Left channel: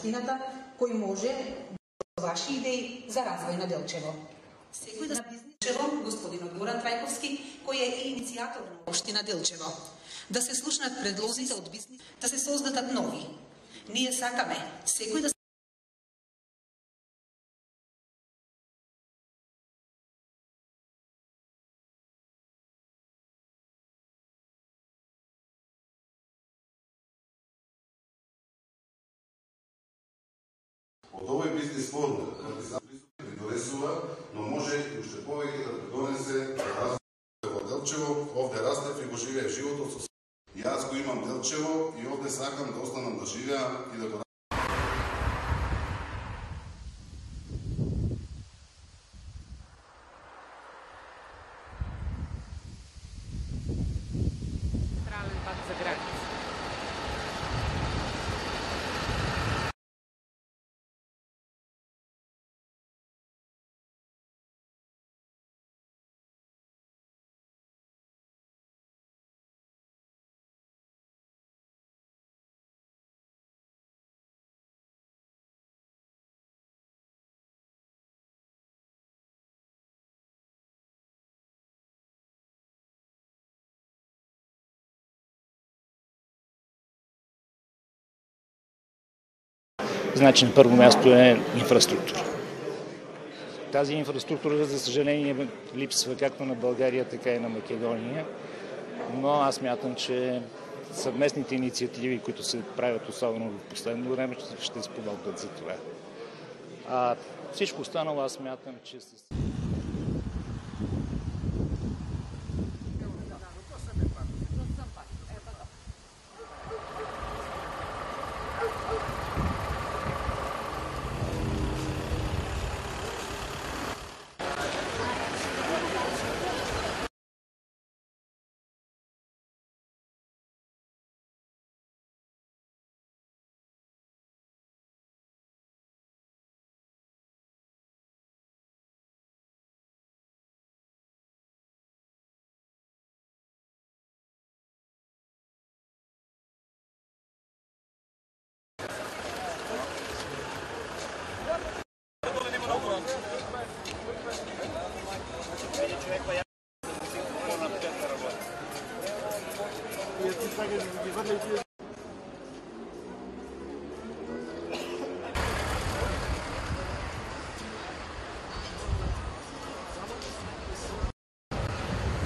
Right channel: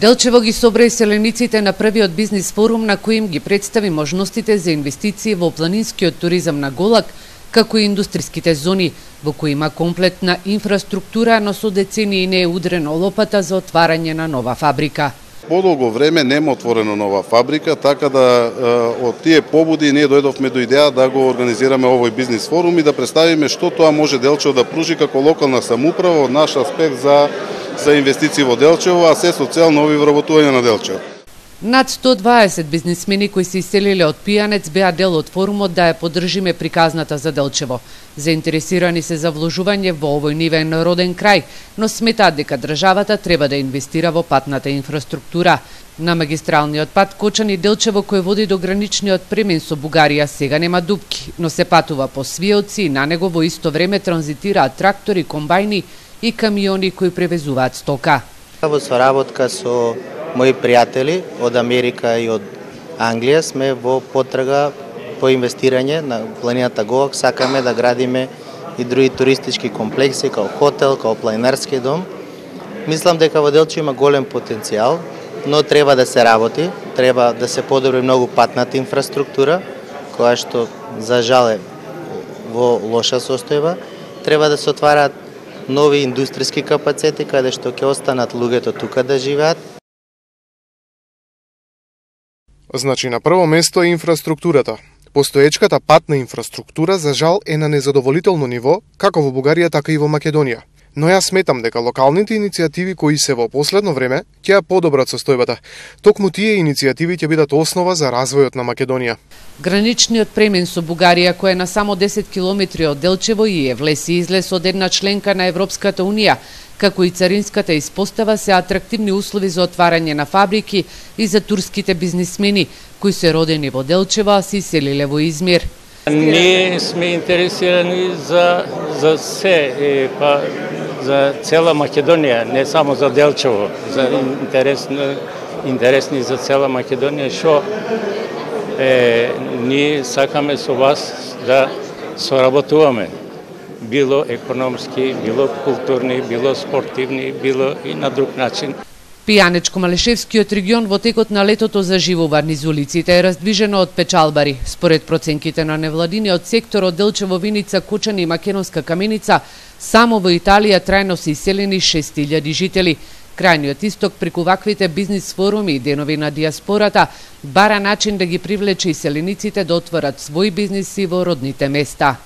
Делчево ги собра селениците на првиот бизнис форум на кој им ги представи можностите за инвестиции во планинскиот туризам на Голак, како и индустриските зони, во кои има комплетна инфраструктура, но со децении не е удрено лопата за отварање на нова фабрика. Подолго време нема отворено нова фабрика, така да од тие побуди ние дојдовме до идеја да го организираме овој бизнис форум и да представиме што тоа може Делчево да пружи како локална самоуправа од наш аспект за инвестиции во Делчево, а се со цел нови вработувања на Делчево. Над 120 бизнисмени кои се иселиле од Пијанец беа дел од форумот да ја поддржиме приказната за Делчево. Заинтересирани се за вложување во овој нивен роден крај, но сметаат дека државата треба да инвестира во патната инфраструктура. На магистралниот пат Кочани-Делчево кој води до граничниот премин со Бугарија сега нема дупки, но се патува по свиелци и на него во исто време транзитираат трактори, комбајни и камиони кои превезуваат стока. Во соработка со мои пријатели од Америка и од Англија сме во потрага по инвестирање на планината Голак. Сакаме да градиме и други туристички комплекси, као хотел, као планинарски дом. Мислам дека во Делчево има голем потенцијал, но треба да се работи, треба да се подобри многу патната инфраструктура, која што за жал е во лоша состојба. Треба да се отвараат нови индустријски капацитети каде што ќе останат луѓето тука да живеат. Значи на прво место е инфраструктура. Значи на прво место е инфраструктурата. Постоечката патна инфраструктура за жал е на незадоволително ниво, како во Бугарија, така и во Македонија. Но јас сметам дека локалните иницијативи кои се во последно време ќе ја подобрат состојбата. Токму тие иницијативи ќе бидат основа за развојот на Македонија. Граничниот премин со Бугарија, кој е на само 10 километри од Делчево и е влез и излез од една членка на Европската Унија, како и царинската испостава, се атрактивни услови за отварање на фабрики и за турските бизнисмени, кои се родени во Делчево, а се иселиле во Измир. Ние сме интересирани за се, па за цела Македонија, не само за Делчево, за интересни за цела Македонија, што ние сакаме со вас да соработуваме, било економски, било културни, било спортивни, било и на друг начин. Пијанечко-Малешевскиот регион во текот на летото заживува низ улиците е раздвижено од печалбари. Според проценките на невладиниот сектор од Делчево, Виница, Кочани и Македонска Каменица, само во Италија трајно се иселени 6000 жители. Крајниот исток преку ваквите бизнис форуми и денови на диаспората бара начин да ги привлече иселениците да отворат своји бизниси во родните места.